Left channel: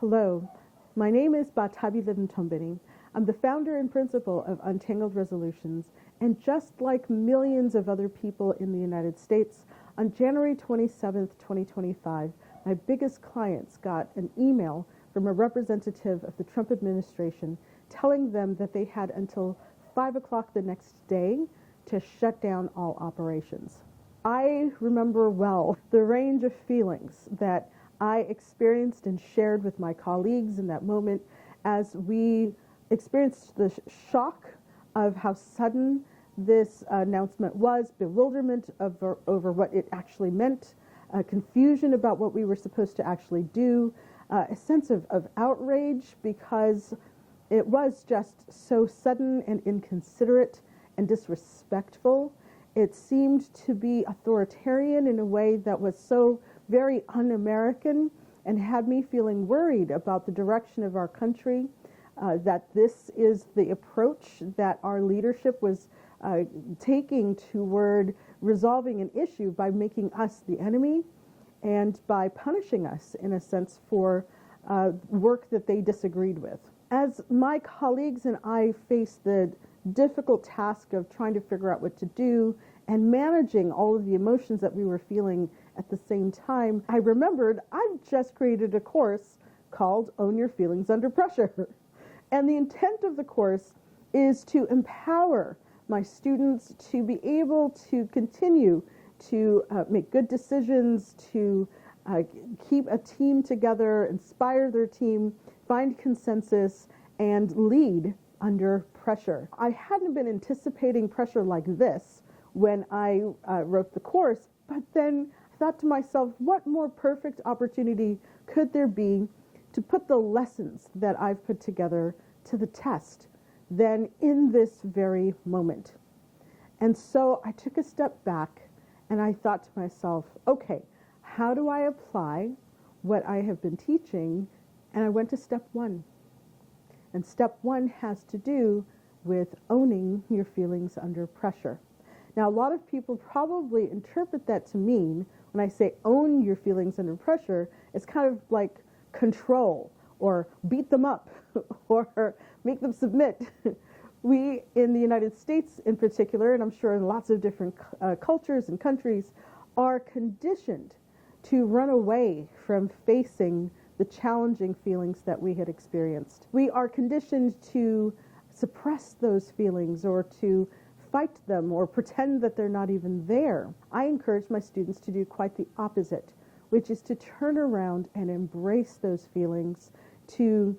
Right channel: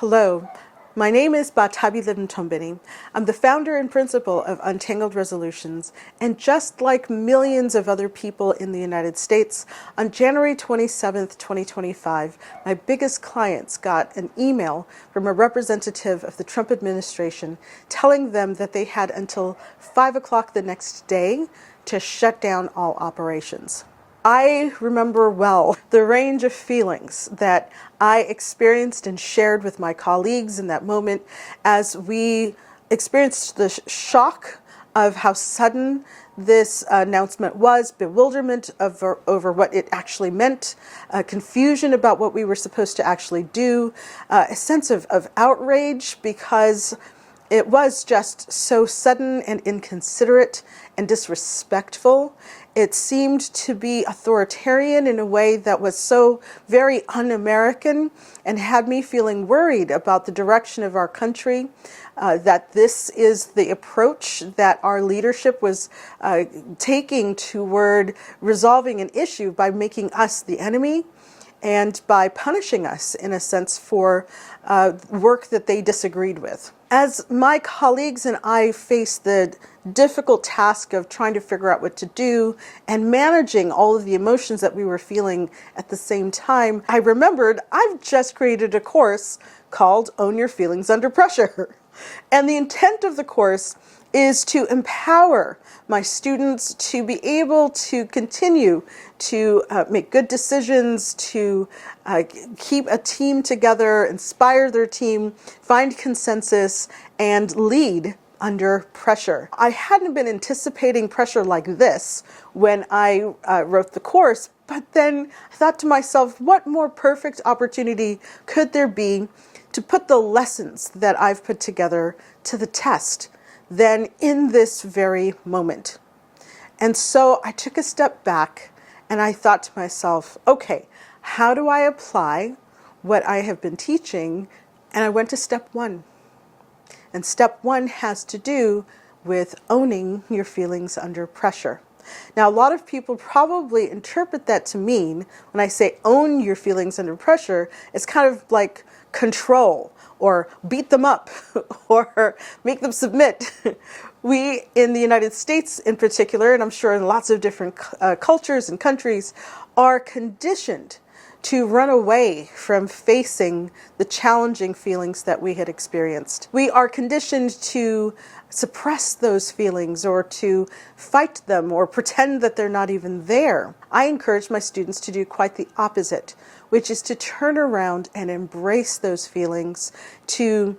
Hello, my name is Batabi Lidentombini. I'm the founder and principal of Untangled Resolutions, and just like millions of other people in the United States, on January 27th, 2025, my biggest clients got an email from a representative of the Trump administration telling them that they had until 5 o'clock the next day to shut down all operations. I remember well the range of feelings that I experienced and shared with my colleagues in that moment as we experienced the shock of how sudden this announcement was, bewilderment over what it actually meant, confusion about what we were supposed to actually do, a sense of outrage because it was just so sudden and inconsiderate and disrespectful. It seemed to be authoritarian in a way that was so very un-American and had me feeling worried about the direction of our country, that this is the approach that our leadership was taking toward resolving an issue by making us the enemy and by punishing us, in a sense, for work that they disagreed with. As my colleagues and I faced the difficult task of trying to figure out what to do and managing all of the emotions that we were feeling at the same time, I remembered I've just created a course called Own Your Feelings Under Pressure. And the intent of the course is to empower my students to be able to continue to make good decisions, to keep a team together, inspire their team, find consensus, and lead under pressure. I hadn't been anticipating pressure like this when I wrote the course, but then I thought to myself, what more perfect opportunity could there be to put the lessons that I've put together to the test than in this very moment? And so I took a step back and I thought to myself, okay, how do I apply what I have been teaching? And I went to step one. And step one has to do with owning your feelings under pressure. Now, a lot of people probably interpret that to mean, when I say own your feelings under pressure, it's kind of like control or beat them up or make them submit. We in the United States in particular, and I'm sure in lots of different cultures and countries, are conditioned to run away from facing the challenging feelings that we had experienced. We are conditioned to suppress those feelings or to fight them or pretend that they're not even there. I encourage my students to do quite the opposite, which is to turn around and embrace those feelings, to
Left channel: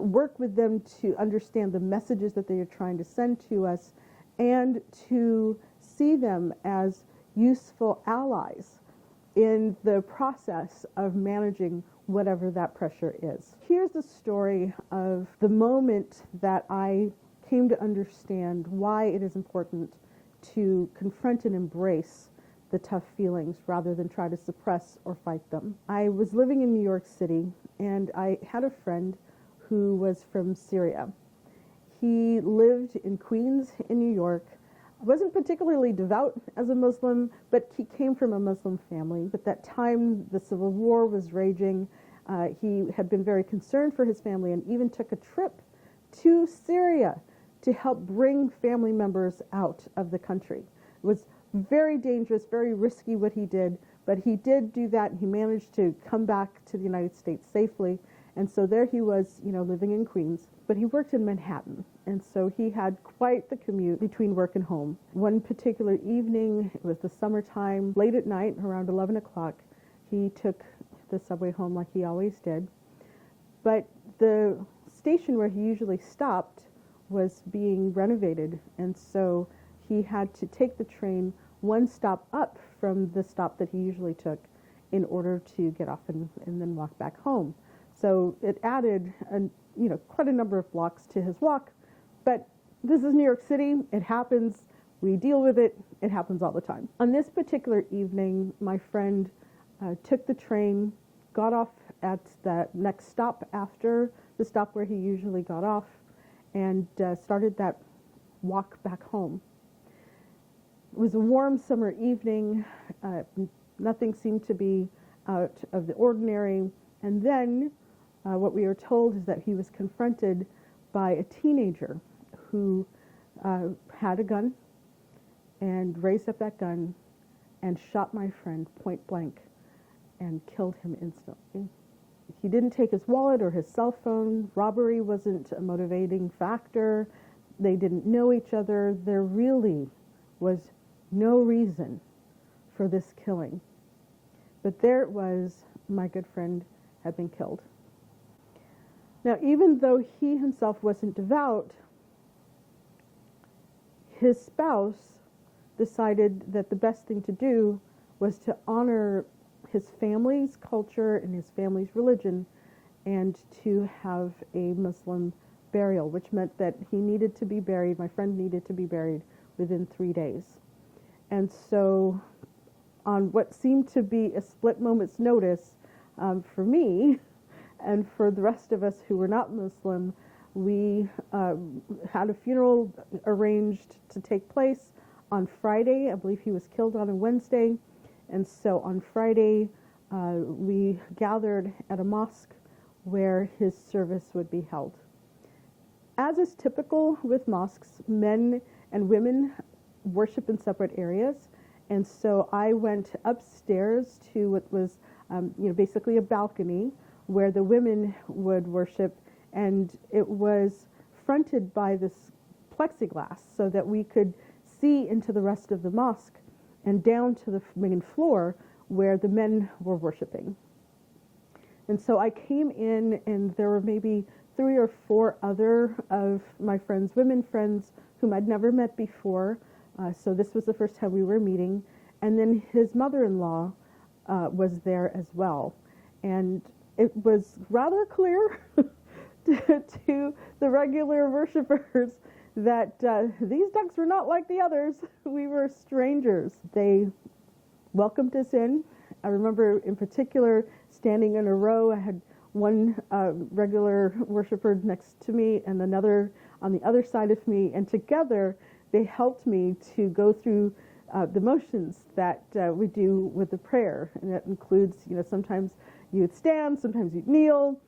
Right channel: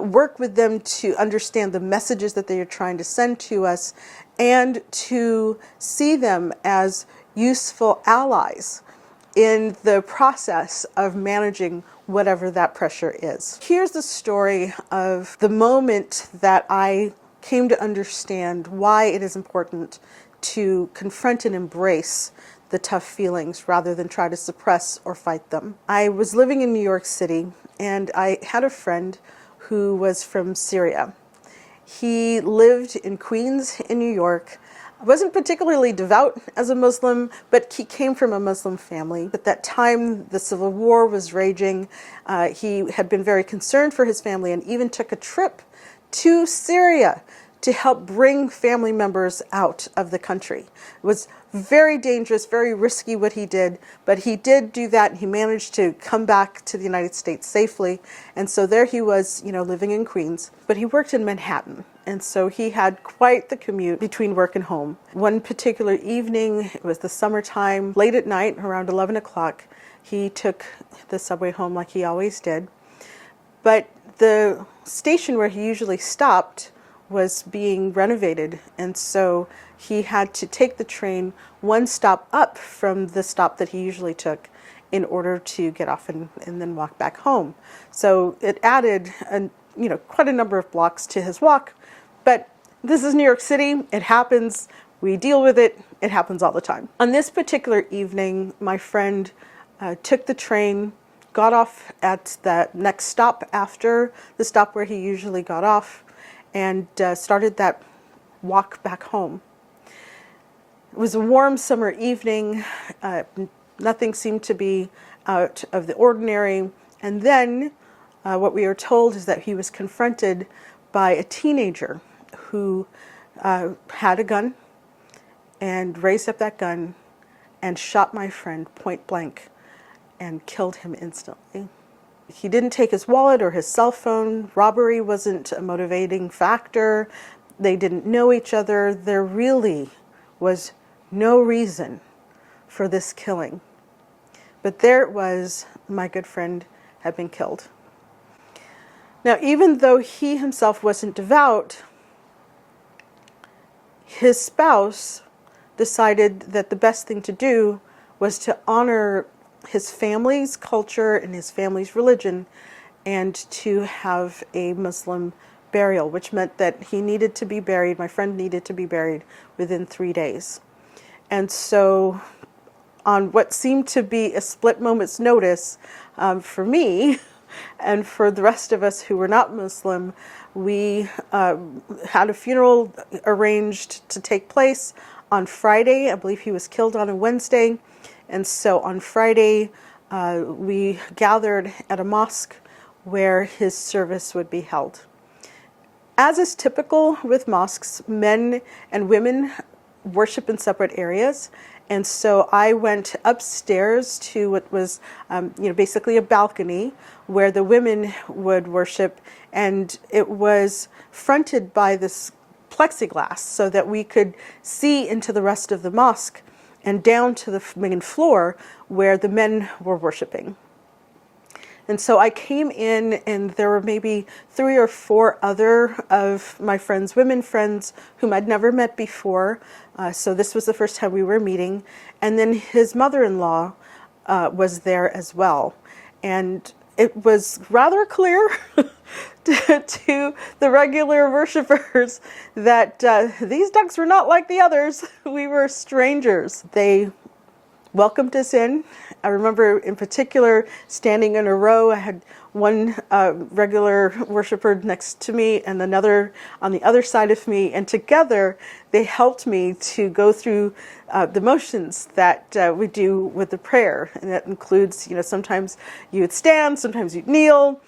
work with them to understand the messages that they are trying to send to us, and to see them as useful allies in the process of managing whatever that pressure is. Here's the story of the moment that I came to understand why it is important to confront and embrace the tough feelings rather than try to suppress or fight them. I was living in New York City and I had a friend who was from Syria. He lived in Queens in New York. I wasn't particularly devout as a Muslim, but he came from a Muslim family. At that time, the civil war was raging. He had been very concerned for his family and even took a trip to Syria to help bring family members out of the country. It was very dangerous, very risky what he did, but he did do that and he managed to come back to the United States safely. And so there he was, living in Queens, but he worked in Manhattan. And so he had quite the commute between work and home. One particular evening, it was the summertime, late at night, around 11 o'clock, he took the subway home like he always did. But the station where he usually stopped was being renovated, and so he had to take the train one stop up from the stop that he usually took in order to get off and then walk back home. So it added quite a number of blocks to his walk, but this is New York City. It happens. We deal with it. It happens all the time. On this particular evening, my friend took the train, got off at the next stop after the stop where he usually got off, and started that walk back home. It was a warm summer evening. Nothing seemed to be out of the ordinary. And then what we are told is that he was confronted by a teenager who had a gun and raised up that gun and shot my friend point blank and killed him instantly. He didn't take his wallet or his cell phone. Robbery wasn't a motivating factor. They didn't know each other. There really was no reason for this killing. But there it was, my good friend had been killed. Now, even though he himself wasn't devout, his spouse decided that the best thing to do was to honor his family's culture and his family's religion and to have a Muslim burial, which meant that he needed to be buried, my friend needed to be buried within 3 days. And so on what seemed to be a split moment's notice for me and for the rest of us who were not Muslim, we had a funeral arranged to take place on Friday. I believe he was killed on a Wednesday. And so on Friday, we gathered at a mosque where his service would be held. As is typical with mosques, men and women worship in separate areas. And so I went upstairs to what was, basically a balcony where the women would worship, and it was fronted by this plexiglass so that we could see into the rest of the mosque and down to the main floor where the men were worshiping. And so I came in, and there were maybe 3 or 4 other of my friends, women friends, whom I'd never met before. So this was the first time we were meeting. And then his mother-in-law was there as well. And it was rather clear to the regular worshipers that these ducks were not like the others. We were strangers. They welcomed us in. I remember in particular standing in a row. I had one regular worshiper next to me and another on the other side of me, and together they helped me to go through the motions that we do with the prayer. And that includes, sometimes you would stand, sometimes you'd kneel,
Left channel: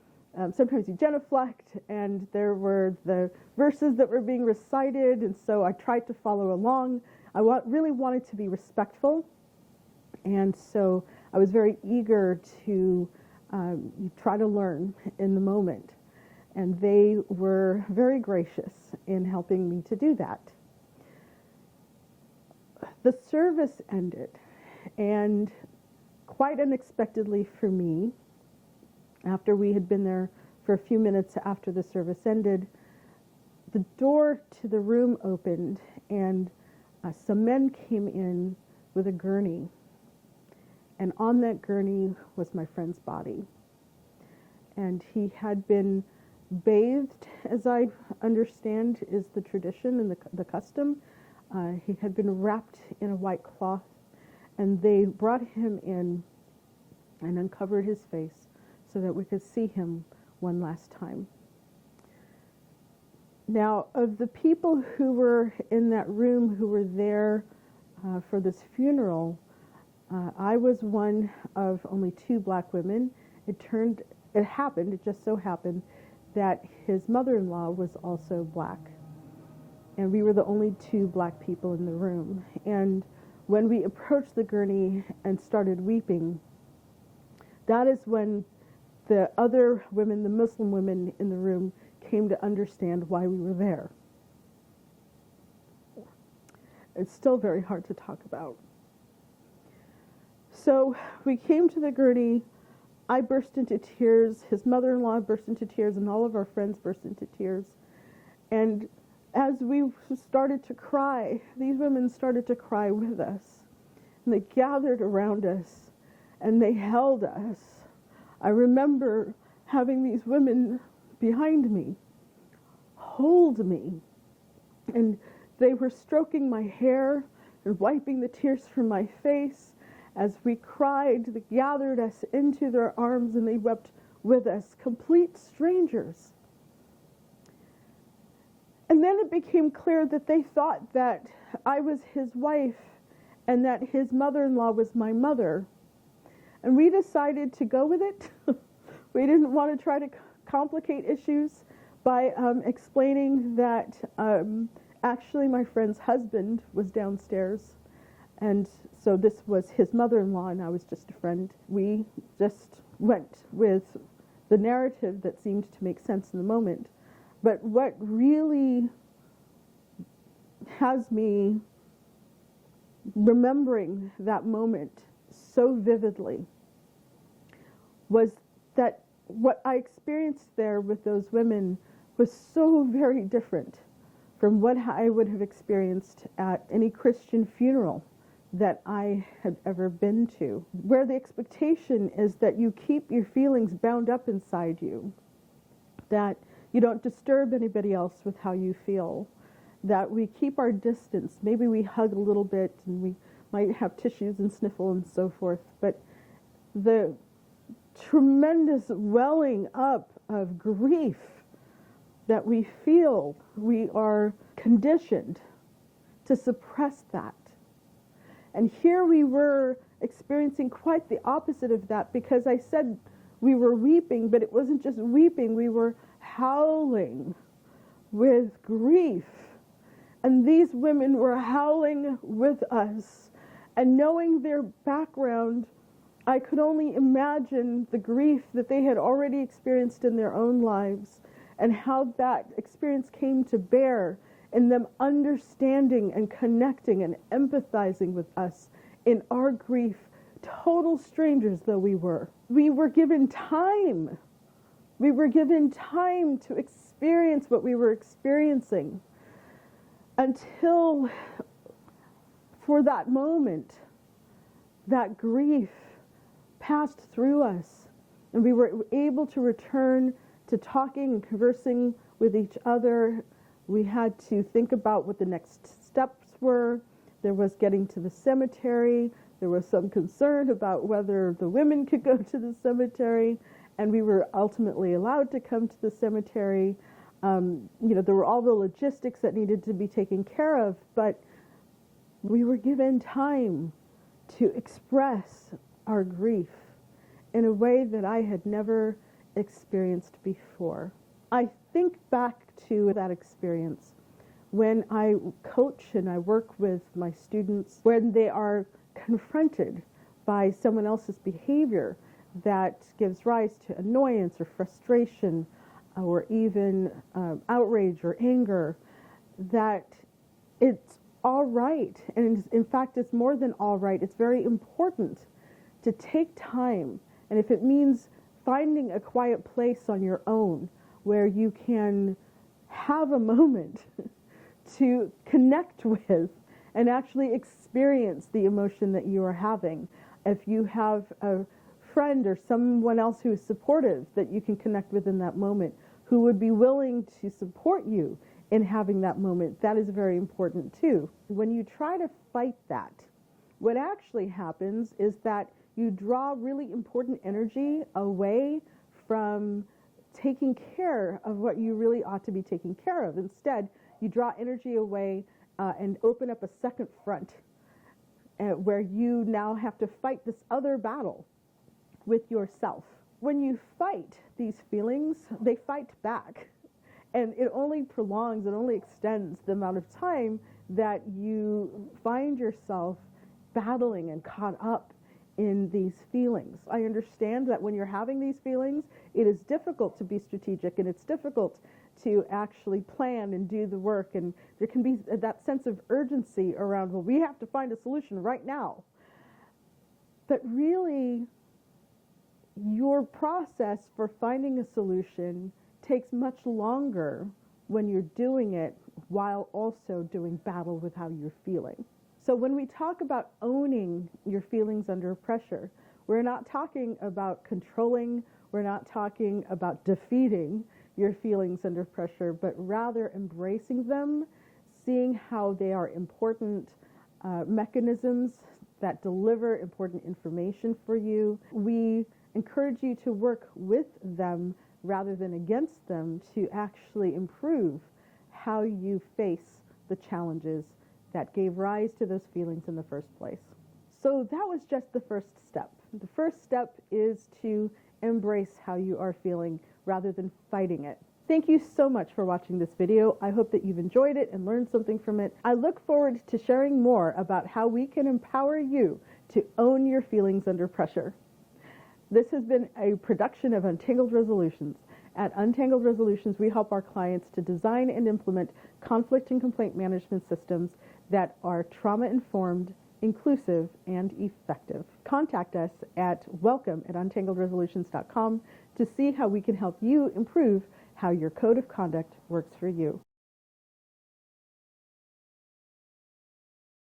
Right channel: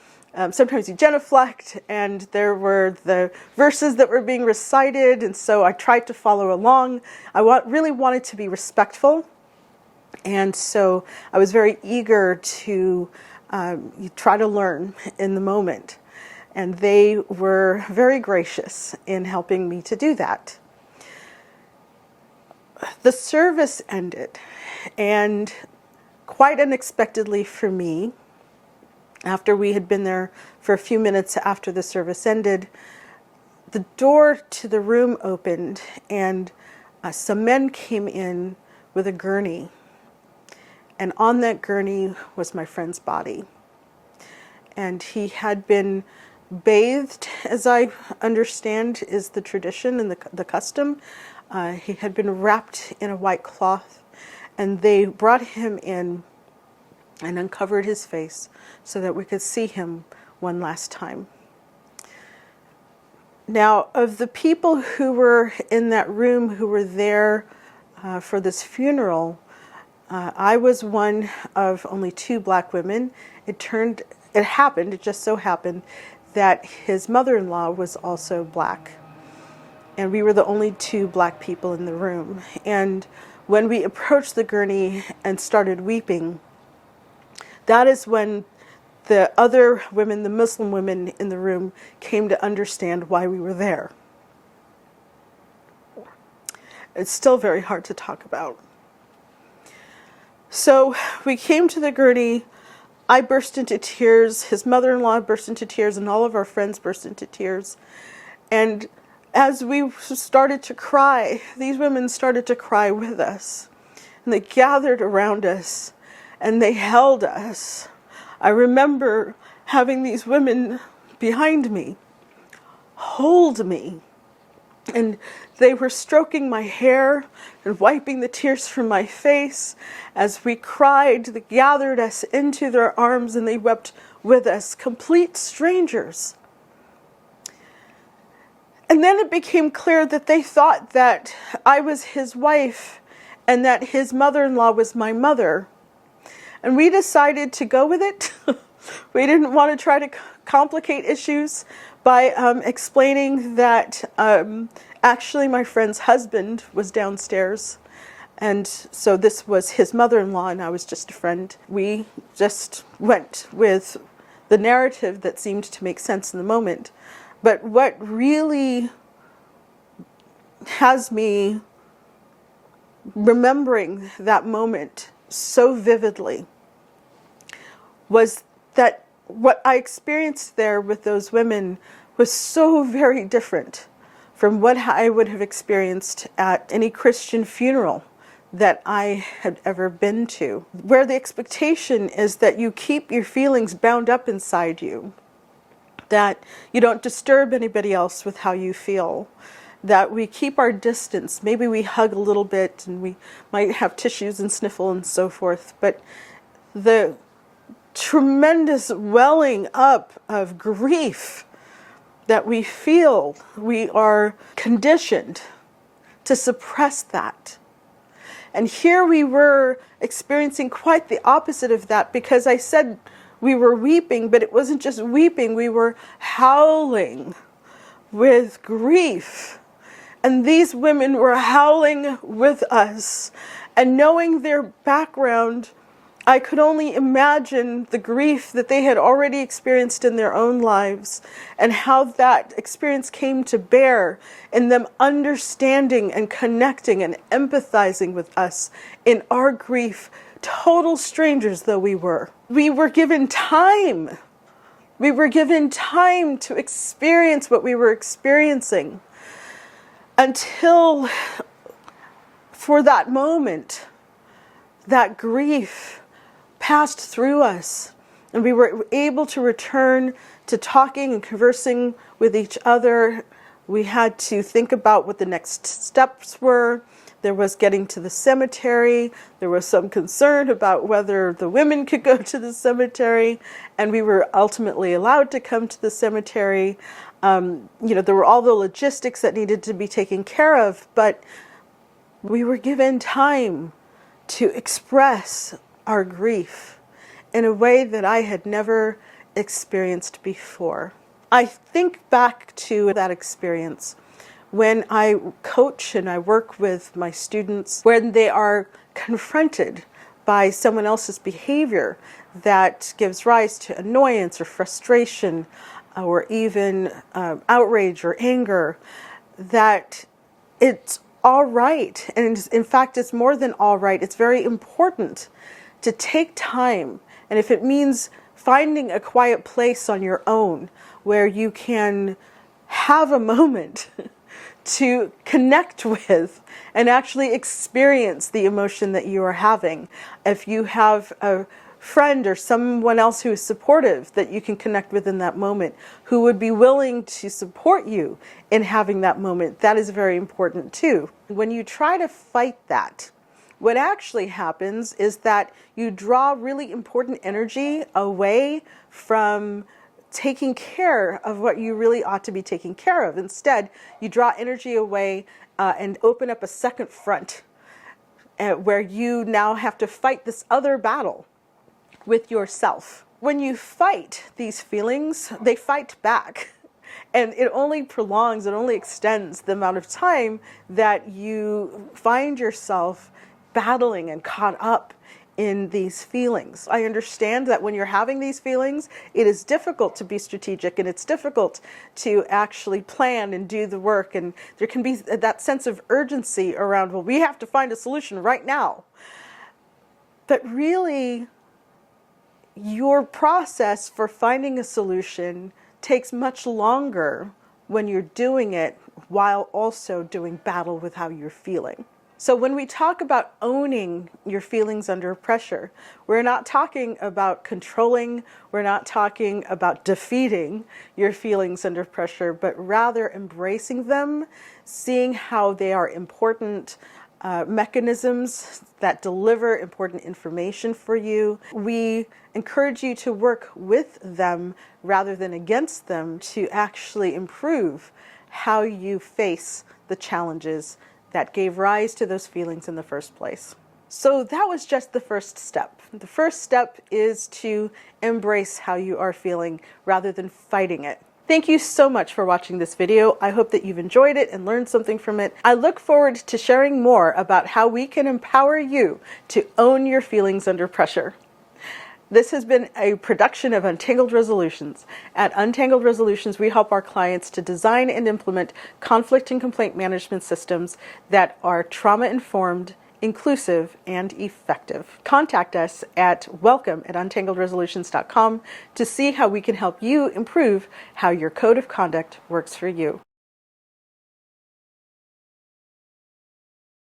sometimes you genuflect, and there were the verses that were being recited, and so I tried to follow along. I really wanted to be respectful, and so I was very eager to try to learn in the moment, and they were very gracious in helping me to do that. The service ended, and quite unexpectedly for me, after we had been there for a few minutes after the service ended, the door to the room opened, and some men came in with a gurney. And on that gurney was my friend's body. And he had been bathed, as I understand is the tradition and the custom. He had been wrapped in a white cloth, and they brought him in and uncovered his face so that we could see him one last time. Now, of the people who were in that room, who were there for this funeral, I was one of only 2 black women. It just so happened that his mother-in-law was also black. And we were the only 2 black people in the room. And when we approached the gurney and started weeping, that is when the other women, the Muslim women in the room, came to understand why we were there. It's still very hard to talk about. So we came to the gurney. I burst into tears. His mother-in-law burst into tears, and all of our friends burst into tears. And as we started to cry, these women started to cry with us. And they gathered around us, and they held us. I remember having these women behind me hold me, and they were stroking my hair and wiping the tears from my face. As we cried, they gathered us into their arms, and they wept with us, complete strangers. And then it became clear that they thought that I was his wife and that his mother-in-law was my mother. And we decided to go with it. We didn't want to try to complicate issues by explaining that actually my friend's husband was downstairs, and so this was his mother-in-law and I was just a friend. We just went with the narrative that seemed to make sense in the moment. But what really has me remembering that moment so vividly was that what I experienced there with those women was so very different from what I would have experienced at any Christian funeral that I had ever been to, where the expectation is that you keep your feelings bound up inside you, that you don't disturb anybody else with how you feel, that we keep our distance. Maybe we hug a little bit and we might have tissues and sniffle and so forth, but the tremendous welling up of grief that we feel, we are conditioned to suppress that. And here we were experiencing quite the opposite of that, because I said we were weeping, but it wasn't just weeping, we were howling with grief. And these women were howling with us. And knowing their background, I could only imagine the grief that they had already experienced in their own lives and how that experience came to bear in them understanding and connecting and empathizing with us in our grief, total strangers though we were. We were given time. We were given time to experience what we were experiencing until, for that moment, that grief passed through us and we were able to return to talking and conversing with each other. We had to think about what the next steps were. There was getting to the cemetery. There was some concern about whether the women could go to the cemetery, and we were ultimately allowed to come to the cemetery. There were all the logistics that needed to be taken care of, but we were given time to express our grief in a way that I had never experienced before. I think back to that experience when I coach and I work with my students, when they are confronted by someone else's behavior that gives rise to annoyance or frustration or even outrage or anger, that it's all right. And in fact, it's more than all right. It's very important to take time, and if it means finding a quiet place on your own where you can have a moment to connect with and actually experience the emotion that you are having. If you have a friend or someone else who is supportive that you can connect with in that moment, who would be willing to support you in having that moment, that is very important too. When you try to fight that, what actually happens is that you draw really important energy away from taking care of what you really ought to be taking care of. Instead, you draw energy away and open up a second front where you now have to fight this other battle with yourself. When you fight these feelings, they fight back. And it only prolongs, it only extends the amount of time that you find yourself battling and caught up in these feelings. I understand that when you're having these feelings, it is difficult to be strategic and it's difficult to actually plan and do the work. And there can be that sense of urgency around, well, we have to find a solution right now. But really, your process for finding a solution takes much longer when you're doing it while also doing battle with how you're feeling. So when we talk about owning your feelings under pressure, we're not talking about controlling, we're not talking about defeating your feelings under pressure, but rather embracing them, seeing how they are important mechanisms that deliver important information for you. We encourage you to work with them rather than against them to actually improve how you face the challenges that gave rise to those feelings in the first place. So that was just the first step. The first step is to embrace how you are feeling rather than fighting it. Thank you so much for watching this video. I hope that you've enjoyed it and learned something from it. I look forward to sharing more about how we can empower you to own your feelings under pressure. This has been a production of Untangled Resolutions. At Untangled Resolutions, we help our clients to design and implement conflict and complaint management systems that are trauma-informed, inclusive, and effective. Contact us at welcome@untangledresolutions.com to see how we can help you improve how your code of conduct works for you.